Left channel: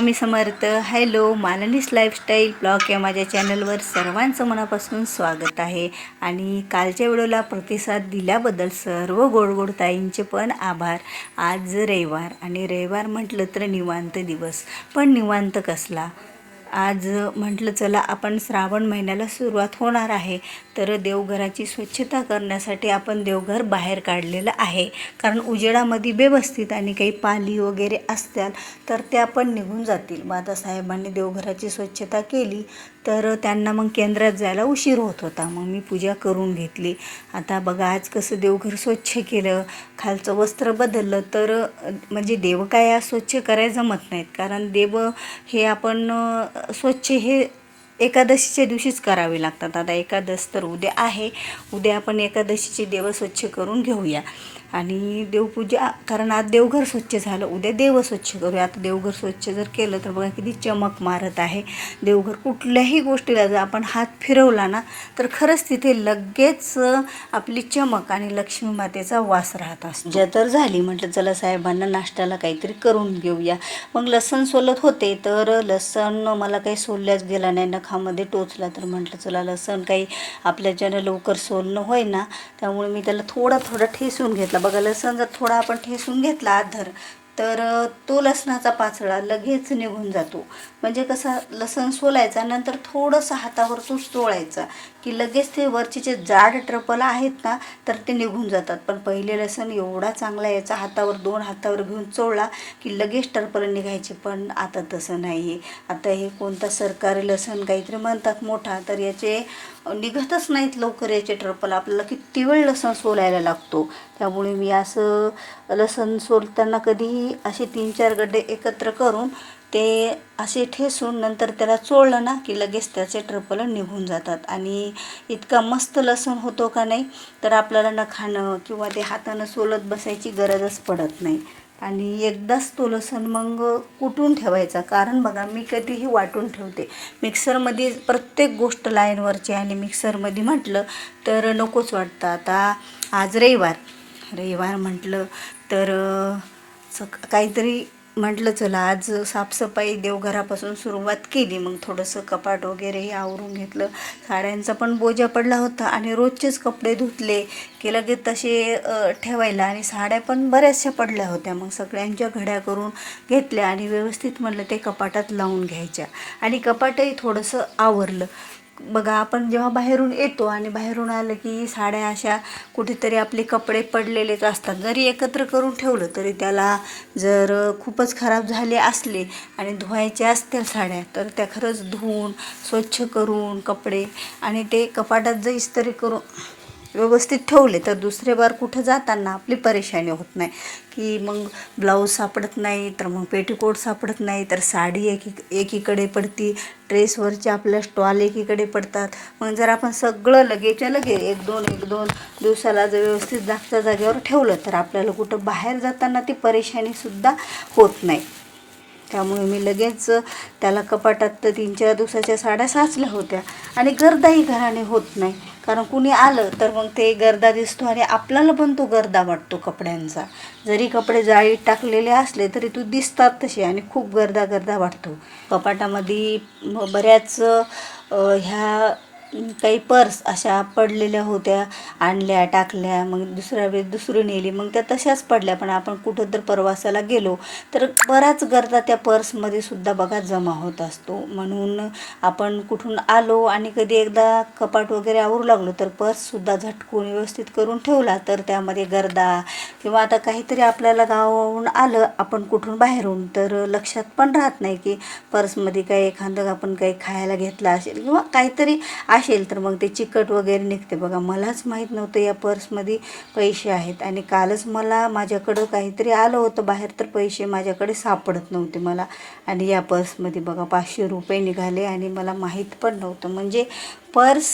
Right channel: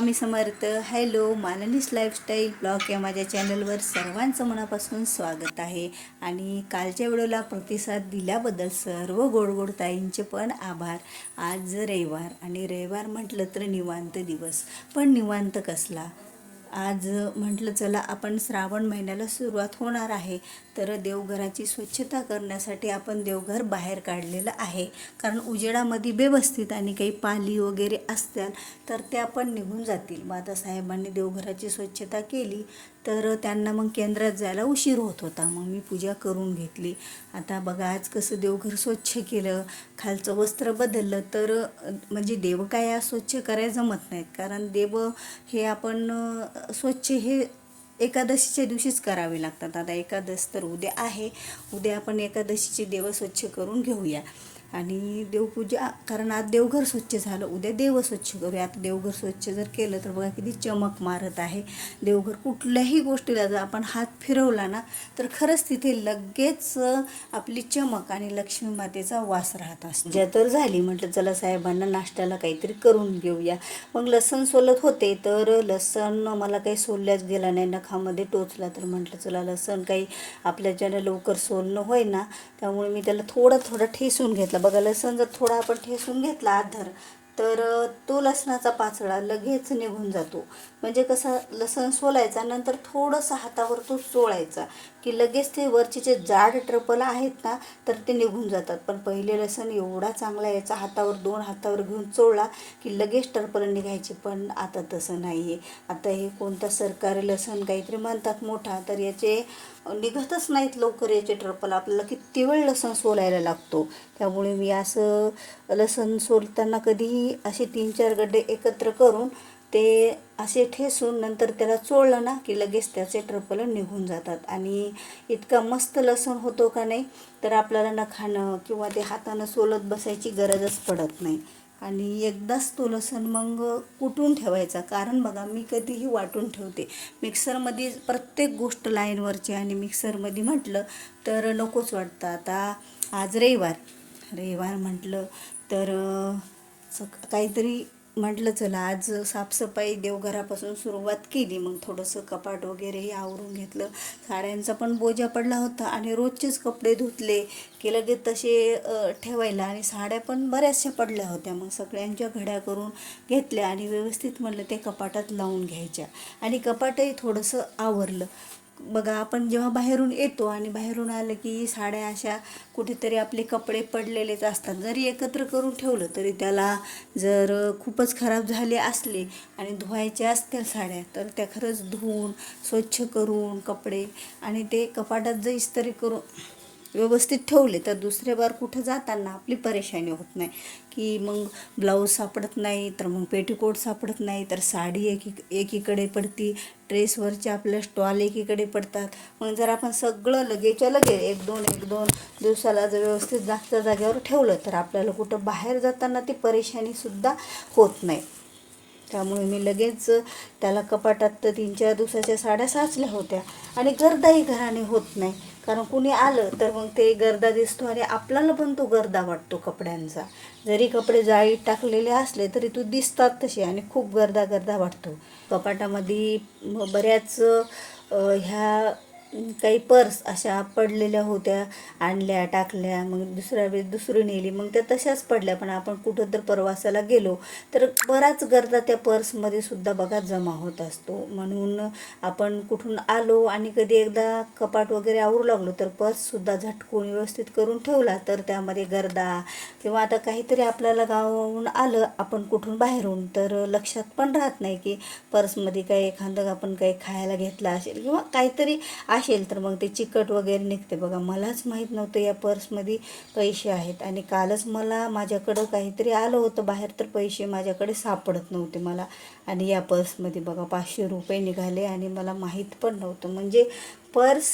Swami Samarth. Hello Malni's lifestyle blog या माझ्या चॅनलवर सर्वांचं मनापासून स्वागत आहे. आणि कालच्या व्हिडिओला प्रतिसाद दिल्याबद्दल सर्व गोडगोड ताईंचे पण आभार. आज रविवार आणि रविवार म्हटलं तर निवांत दिवस. पण निवांत कसला? आज म्हटलं चला आपण श्रावण महिन्याला सुरुवात होणार आहे. तर देवघराची स्वच्छता करण्यासाठी आपण देवघर बाहेर काढलेलं आहे. कारण उजेडामध्ये व्यवस्थित आणि काही पाली वगैरे असतात तर त्या पण निघून जातील. मग आता साहेबांनी देवघराची स्वच्छता केली. तर त्यांना मग केंद्रात जायला उशीर होत होता. मग मी पूजा करून घेतली. आता बघा आज कसं देवघर स्वच्छ केलं. खालचं वस्त्र बदललं. तर म्हणजे देव काय आज स्वच्छ करायला जमत नाहीत. कारण देव हे आपण स्वच्छ हे एकादशीच्या दिवशीच करावे लागतात. आता एकादश तर उद्या आहे. उद्या आपण एकादशीचे देव स्वच्छ करून घेऊया. आणि देवपूजा कारण आज देवघर स्वच्छ झालं. उद्या देव स्वच्छ करूया. आता देवघर स्वच्छ जर केलं तर बघा किती चमक मारत आहे. देवघर कुठल्याही गोष्टीला जर आपण हात फिरवला ना तर खरंच तिथे लगेच आपली चमक आणि लक्ष्मी मातेचा वास राहत असतो. तर झाली म्हटलं चला साहेबांना नाश्त्याला काहीतरी करून घेऊया. मग लसण सोलत होते तर लसण मला काही सोलल्याच गेला नाही. नखामध्ये टोचला तर म्हटलं चला लसण काही आपल्याच्यानं लवकर सोलणं होय ना त्यामुळे मी त्याला थोडा थोडा ठेसून घेतला. बघा लसण जर थोडा आपण ठेसून घेतला आधर तर तो लसणाचा पाचळा लगेच निघून जातो. म्हणजे कसा लसण सोलायचा नंतर थोडंसं हातावर तो चोळायचा की लगेच ते वरचे जे जाड ट्रपल आहेत ना तर ते निघून जातात. पण पहिले लसण एवढा चांगला याचा हातावर दोन हातावर घेऊन चोळला की लगेच टरपल निघायचे. पण आता तसं नाही आहे आता हे कोणता सरकारी लसण काहीतरी म्हणतात मोठा तर याचे निघतच नाहीत लवकर याचे ट्रपल. आपल्याला किती वेळ लसण सोलायला लागतो? त्यामुळे मी असं लसण सोलताना कधीही असे तीन चार गड्डे एकत्र करून ते असे ठेसून नंतर त्याला चोळलं ना की लगेच त्याचे ट्रपल निघून जातात. आणि इतका मस्त लसूण होतो का नाही तर आपल्याला न खाणं किंवा ते हातानं सोलत बसायची गरजच पडत नाही. आणि एकदाच तो लसूण मग कुटून ठेवायचा. कारण बघा मी कधीही वाटून ठेवते. मिक्सरमध्ये प्रत्येक गोष्ट लाईनवरची आणि मिक्सरमध्ये म्हटलं तर नकोच वाटतं. आता आज रविवार. रविवार म्हटलं तर स काहीतरी म्हटलं चला आज साफसफाई देवघरापासून सुरुवात केली. मग थोडंसं कपाट वगैरे हे आवरून घेतलं. साड्यांचा पण बोजा पडला होता आणि रोजचेच कपडे धुतले की लगेच तसे ठेवायला. आणि साड्या पण बऱ्याचशा पडल्या होत्या. मग सगळ्यांच्या घड्या करून घेतल्या आणि व्यवस्थित म्हणलं ते कपाटात लावून घ्यायच्या. आणि कपाटही थोडंसं आवरलं. बघा आपण जेव्हा बाहेरून येतो आणि बाहेरून आलं की साड्या अशा कुठेतरी आपले कपडे पडलेलेच असतात. जरी एकत्र करून ठेवलं तरी त्याला जर खूपच खराब झाले असले आणि धुवायचे असतील साड्या तर त्या खरंच धुवून स्वच्छ करून कपडे आणि ते कपाटात जर इस्त्री करून व्यवस्थित ठेवले तर दुसरे बार कुठं जाताना आपली परेशानी होत नाही. की मग ब्लाऊज सापडत नाही तर मग पेटीकोट सापडत नाही तर साडी एकी एकीकडे पडती ड्रेसवरच्या आपल्या स्टॉल एकीकडे पडतात. मग जर आपण सगळं लगेच्या लगे एक दोन एक दोन दिवसाला जर व्यवस्थित जागच्या जागेवर ठेवलं तर आपल्याला कुठं बाहेर जाताना ती परेशानीसुद्धा होत नाही. त्यामुळे मी लगेच त्याला कपाटात तर तीन चार दिवसाच्या साड्या साचल्या होत्या. आणि गर्दाही घराने होत नाही. कारण कुणी आलं तर मग ते गर्दा दिसतो आणि आपल्याला पण तो गर्दा वाटतो कपड्यांचा. जरी कपडे जाळीत टाकलेले असले तरी तू दिसतात तसे आणि खूप गर्दा गर्दा वाटतो. कपाटामध्ये बऱ्याच ह्या काही पर्स अशा पडलेल्या होत्या आणल्या टाकल्या मग दुसऱ्या वेळेस दुसरी नेली. मग त्या तशाच पडल्या पण आपण कुठं तर प्रवासाला गेलो तर बराच गर्दा त्या पर्समध्ये सुद्धा बघा जमा होत असतो. म्हणून आपण कुठून आलो आणि कधी एकदा कपाट वगैरे आवरू लागलो तर पर्ससुद्धा झटकून व्यवस्थित करून ठेवला तर त्यामध्ये गर्दा किंवा आता काहीतरी आपल्याला गावाहून आलं आपण कुठून बाहेरून तर लक्षात पण राहत नाही की पर्समध्ये काही एखादं आपण काही खायला घेतला असेल किंवा काहीतरी असेल तर मग ते चिकट वगैरे निघते. बघा मलाच माहीत नव्हतं या पर्समध्ये पैसे आहेत. आणि कालच मला माझ्याकडं काहीतरी आलं होतं बाहेर तर पैसे माझ्याकडे सापडत नव्हते मला. आणि या पर्समध्ये बघा पाचशे रुपये निघाले आणि मला माहीत पण नव्हतं. म्हणजे पर्स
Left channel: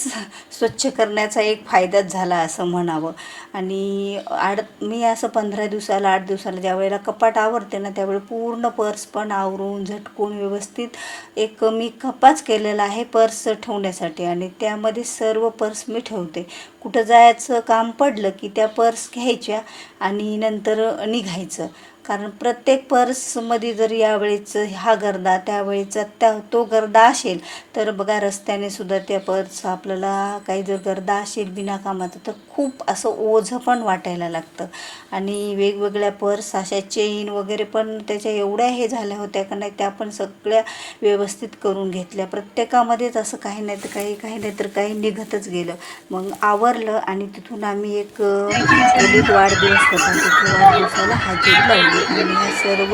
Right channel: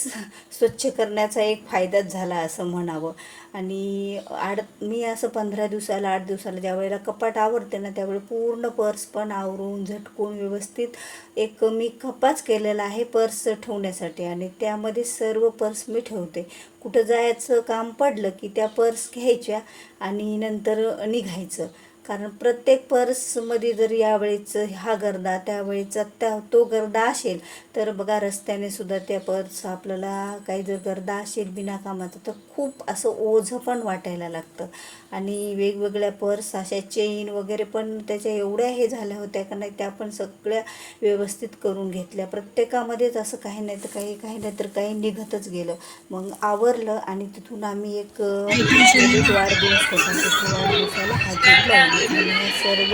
स्वच्छ करण्याचा एक फायदाच झाला असं म्हणावं. आणि आड मी असं पंधरा दिवसाला आठ दिवसाला ज्या वेळेला कपाट आवरते ना त्यावेळी पूर्ण पर्स पण आवरून झटकून व्यवस्थित एक मी कपाच केलेला आहे पर्स ठेवण्यासाठी. आणि त्यामध्ये सर्व पर्स मी ठेवते. कुठं जायचं काम पडलं की त्या पर्स घ्यायच्या आणि नंतर निघायचं. कारण प्रत्येक पर्समध्ये जर यावेळीचं हा गर्दा त्यावेळीचा त्या तो गर्दा असेल तर बघा रस्त्याने सुद्धा त्या पर्स आपल्याला काही जर गर्दा असेल बिनाकामाचं तर खूप असं ओझं पण वाटायला लागतं. आणि वेगवेगळ्या पर्स अशा चेन वगैरे पण त्याच्या एवढ्या हे झाल्या होत्या का नाही त्या पण सगळ्या व्यवस्थित करून घेतल्या. प्रत्येकामध्येच असं काही नाही तर काही काही नाही तर काही निघतच गेलं. मग आवरलं आणि तिथून आम्ही एक वाढदिवस होता तिथून वाढदिवसाला हजेरी लावली. सर्व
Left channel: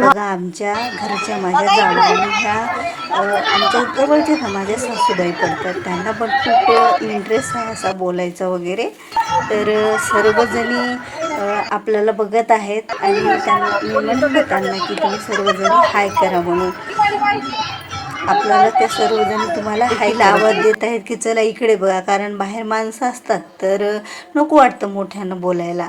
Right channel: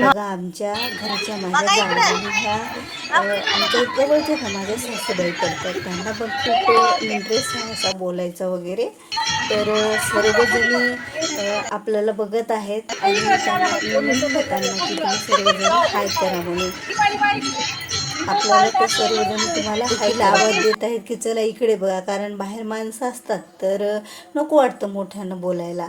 बघा आमच्या घरच्या माझ्या जावळाने ह्या आमच्या जवळच्या ना माझ्या सासूबाई पडतात. त्यांना पण खूप इंटरेस्ट आहे असा बोलायचा वगैरे. तर सर्वजणी आपल्याला बघत आहेत आणि त्यांना म्हणलं त्यांना की तुम्ही सर्वजण हाय करा म्हणून. आपल्याला ते सर्वजण तुम्हाला हायला आवाज देत आहेत की चला इकडे बघा कारण बाहेर माणसं असतात तर नको वाटतं मोठ्यानं बोलायला.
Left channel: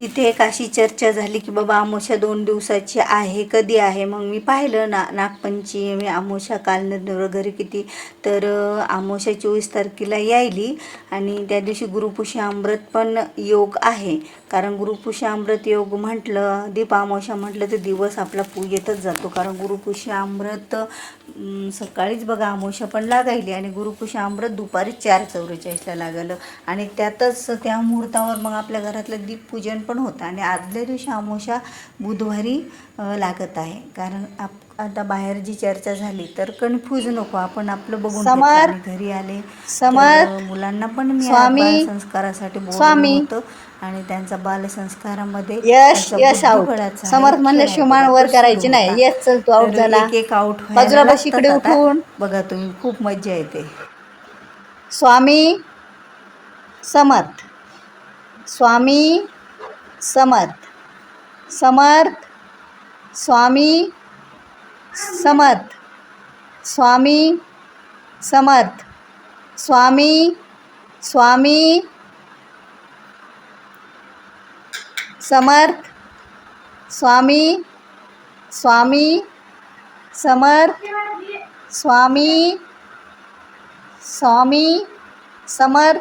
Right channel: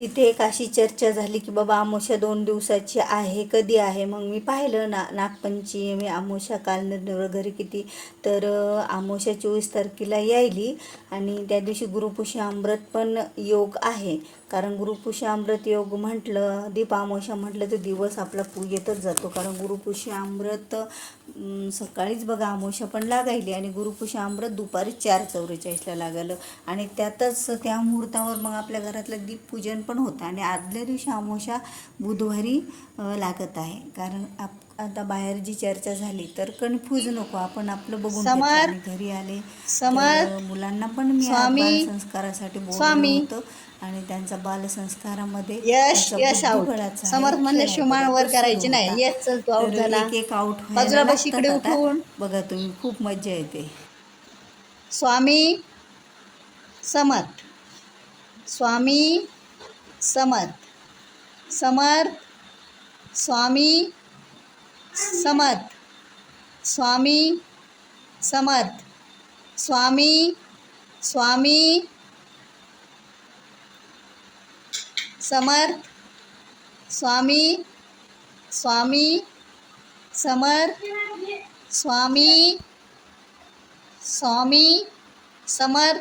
तिथे एक अशी चर्चा झाली की बाबा आमोशा दोन दिवसाची आहे कधी आहे? मग मी पाहिलं ना नागपंचमी आमोशा काल न- घरी किती? तर अं, आमोशा चोवीस तारखेला यायली आणि त्या दिवशी गुरुपुषी अमृत पण योग आहे. कारण गुरुपुषी अमृत योग म्हटलं दीप अमावस्या म्हटलं तर दिवस आपला पू येतच जातो. कारण गुरुपुषी अमृत सकाळीच बघा आमोशा पण लागायली आणि गुरुपुषी अमृत दुपारी चार चौवेचाळीसला लागलं. आणि त्यातच त्या मुहूर्तावर मग आपल्या घरातलं दीपपूजन पण होतं. आणि आदल्या दिवशी अमावस्या बुधवारी लागत आहे. कारण आप आता बाहेर जी चर्चा झाली तर कन्फ्यूज नको. आपण आपलं बघून समर, घरी आले. समर, मुलांना पण मी स्वामी, संस्कारासाठी स्वामी. आणि त्यांचा बालसंस्कारामध्ये यश यश आणि समर्थ म्हणलं खेळाचा शिवमान वर करायची नाही. यश चल तू तर झाला. एक आउट बाजूला बस इकडे उठून. बघा तुम्ही खूप मज्जा येते. स्वामी समर्थ. स्वामी समर्थ. समर्थ स्वामी समर्थ. स्वामी समर्थ. स्वामी स्वामी समर्थ. स्वामी स्वामी समर्थ. स्वामी स्वामी समर्थ.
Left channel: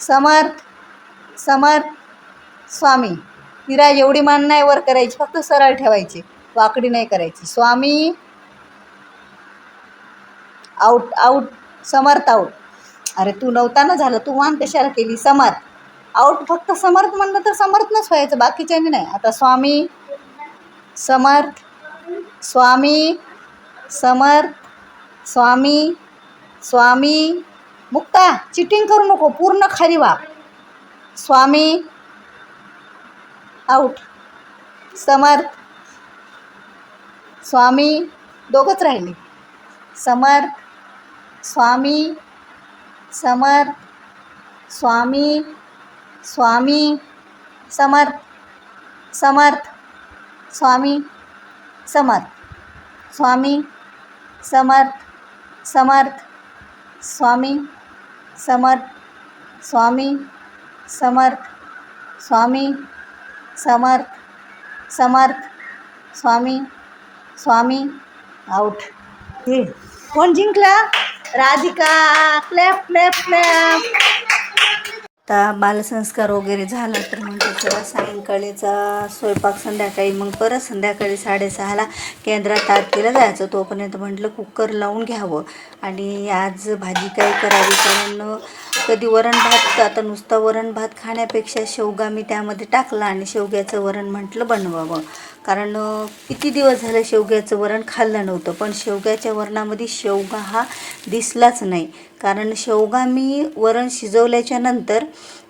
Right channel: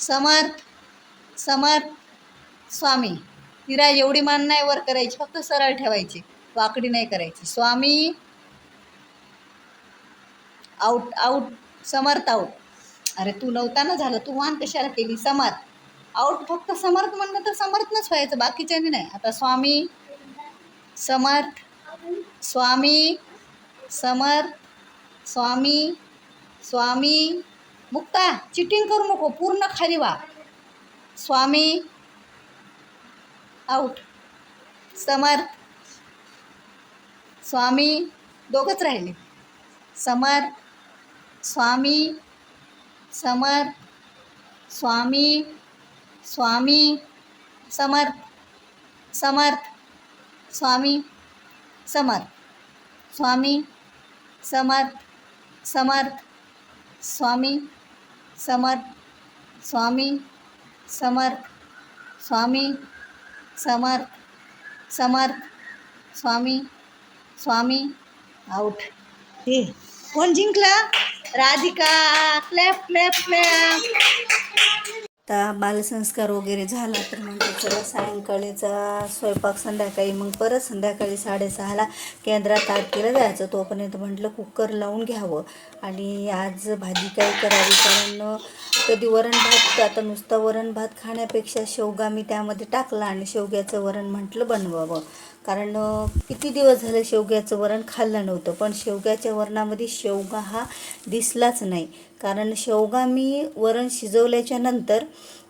समर्थ समर्थ. स्वामी. विराज एवढी मान नाही वर करायची. फक्त सरळ ठेवायची. वाकडी नाही करायची. Swami out out Samarth out अरे तू नव्हताना झालं तू मान कशाला केली? समर्थ. आऊट फक्त समर्थ म्हणलं तर समर्थनच व्हायचं बाकीच्याने नाही. आता स्वामी समर्थ स्वामी समर्थ स्वामी स्वामी मुक्ता चिटिंग करू नको पूर्ण खाली वा स्वामी आऊट समर्थ स्वामी दोघंच राहिले. समर स्वामी समर स्वामी स्वामी समर्थ समर्थ स्वामी समर्थ स्वामी समर्थ समर्थ स्वामी समर्थ स्वामी समर्थ स्वामी समर्थ समर्थ स्वामी स्वामी आऊट हे कोण जिंकला? राधिका. क्लॅप क्लॅप क्लॅप आता बालसंस्कार वगैरे झाला तर मग त्याच्या सायंकाळीचा स्वयंपाक संध्याकाळी मग परत संध्याकाळी साडेसहाला केंद्रात आरतीला जायचं. तोपर्यंत म्हटलं कुकर लावून घ्यावं. आणि आज भाजी काही करावी कारण कधी वरण भात आता नुसता वरण भात खाण्यापेक्षा शेवगा मी त्यामध्ये टाकला आणि शेवग्याचं वरण म्हटलं बनवावं. कारण किती दिवस झालं शेवग्याचं वरण खाल्लं नव्हतं. पण शेवग्याच्या वरणामध्ये शेवगा हा दिसलाच नाही. कारण शेवगा मी वरण शिजवल्याच्या नंतर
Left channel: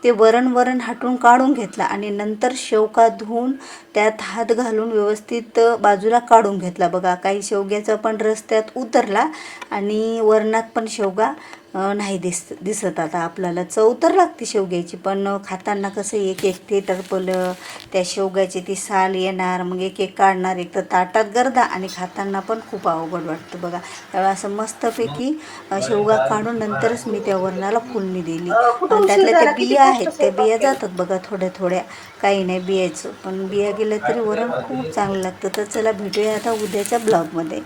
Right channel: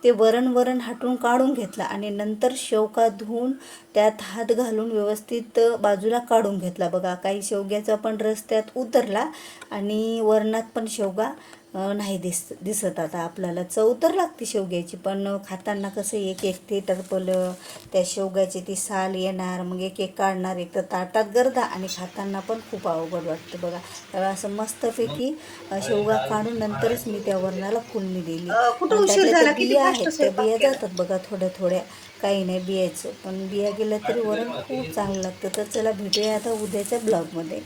ते वरण वरण हाटून काढून घेतला आणि नंतर शेवगा धुवून त्यात हात घालून व्यवस्थित बाजूला काढून घेतला. बघा काही शेवग्याचा पण रस त्यात उतरला आणि वरणात पण शेवगा नाही दिस दिसत. आता आपल्याला चव तर लागते शेवग्याची पण खाताना कसं एक एक ते टरपलं त्या शेवग्याची ती साल येणार मग एक एक काढणार एक तर ताटात गर्दा आणि खाताना पण खूप अवघड वाटतं बघा. त्यावेळी असं मस्तपैकी शेवगा काढून नंतरच मी त्या वरणाला फुलणी दिली. उशीर त्यातल्या? त्या बिया आहेत त्या बिया? जातात बघा थोड्या थोड्या काही नाही बियाचं पण बिया गेल्या तरी वरण खूप चांगलं लागतं. तर चला भेटूया आता उद्याच्या ब्लॉगमध्ये.